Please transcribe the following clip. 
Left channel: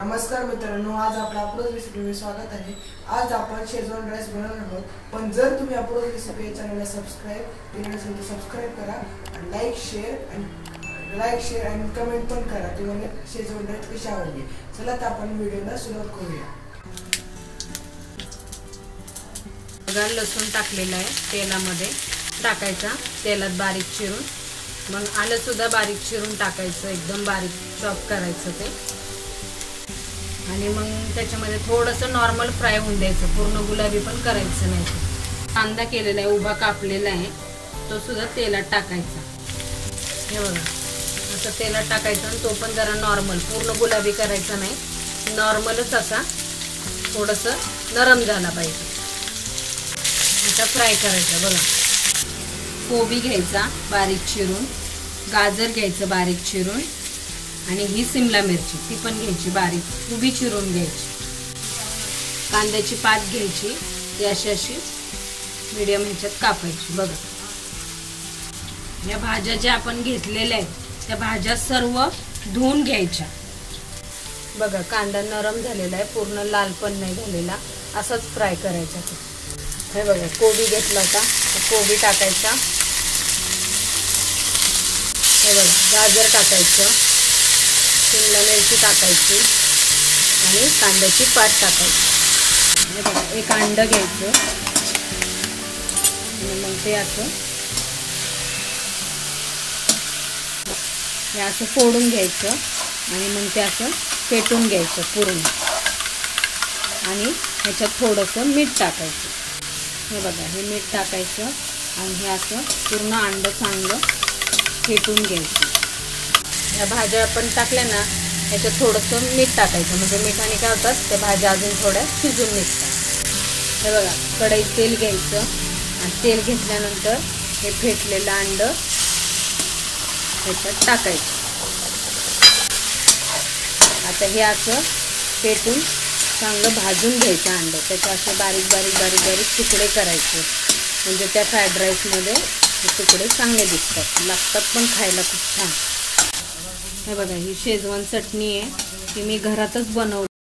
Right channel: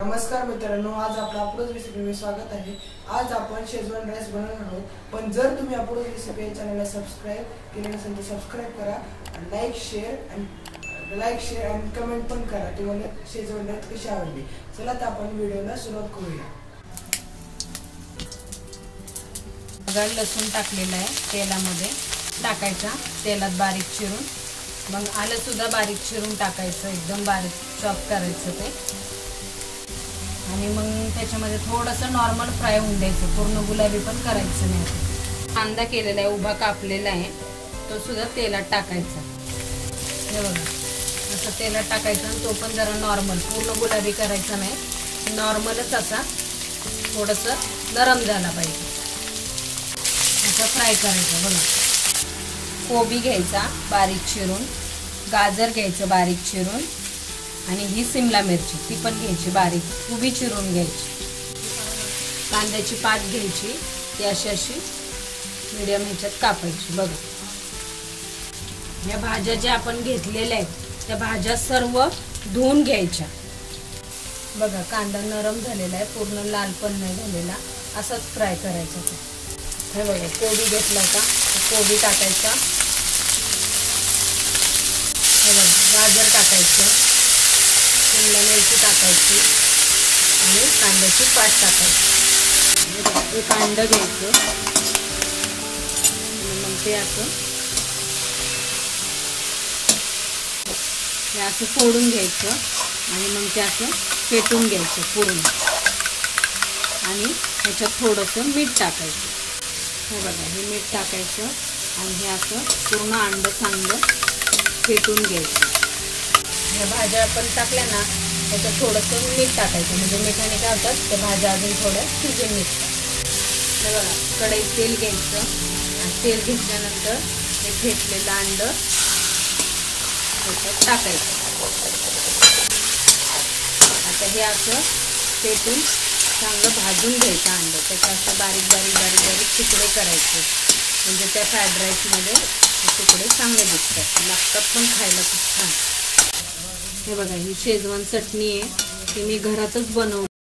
नमस्कार मित्रांनो, आज आपल्या अप्रोच रेसिपीमध्ये स्वागत आहे। आज आपण शेजवान राईस बनवणार आहोत। पण जर तुम्ही अप्रोच रेसिपी या चॅनलला सबस्क्राइब केले नसेल तर सबस्क्राइब करा आणि लाईक शेअर आणि कमेंट पण करा तुम्हाला शेजवान राईस कशी आवडली। चला तर आपण व्हिडिओला सुरुवात करूया। लसूण टाकलेला आहे, तेलामध्ये टाकायचा, तेलात बारीक चिरून, मग आलं सुद्धा बारीक चिरून टाकायचं, एकदम बारीक चॉप करायचं ते, आणि मग त्याच्यामध्ये थोडंसं नॉर्मल फ्राय होऊन द्यायचं, पूर्ण गुलाबी पण करायचं नाही। कांदा केलेला आहे, उभा कापलेला आहे, तो सुद्धा तेलात टाकायचा। हे बघा, असं तेलात टाकायचं आणि तो पण जरा नॉर्मल, पूर्ण गुलाबी करायचा नाही, नॉर्मलच असा थोडंसं नरम झाला पाहिजे असा फ्राय करायचा। बघा, कोबी घ्यायचा बारीक चिरून, गाजर घ्यायचं बारीक चिरून, आणि ही शिमला मिरची ती पण घ्यायची बारीक उभी चिरून घ्यायची। कांद्याची पात घ्यायची, ती अशी मीडियम ह्याच्यात कापायची। बघा, या भाज्या ज्या आपण घेतलेल्या आहेत त्या भाज्या सर्व धुवून घ्यायच्या। बघा, कांदा नरम झालेला आहे, पूर्ण लाल पण नाही झालेला, असंच फ्राय करायचा। हे बघा, कोबी घेतला होता, कोबी टाकायचा, हे बघा गाजर टाकायचं, शिमला मिरची टाकायची आणि कांद्याची पात टाकायची। हे बघा, एक अंड घ्यायचं आणि मग ते असं फोडून घ्यायचं आणि मग ते असं फेटून घ्यायचं पूर्ण, आणि ह्याच्यात थोडंसं मीठ टाकायचं। हे बघा, हे मीठ टाकायचं आणि हे असं पूर्ण अंड चांगलं फेटून घ्यायचं। या भाज्या आपण टाकल्या ना, त्याच्यात थोडंसं मीठ टाकायचं, म्हणजे मिठाने काय होतात त्या भाज्या अजून थोड्या शिजून निघतात। हे बघा, कढईत तेल घ्यायचं आणि तेल घेतल्यानंतर हे फेटलेलं अंड त्याच्यात टाकायचं। आता हे असं फेटून चांगलं भाजून घ्यायचं अंड, त्याचे असे बारीक बारीक बारीक बारीक तुकडे करायचे, म्हणजे त्या फ्राईड राईसमध्ये हे तुकडे चांगले दिसतात, लागतात पण खायला खूप छान। हे बघा, ही शेजवान चटणी आहे, ती मी घरातच बनवली।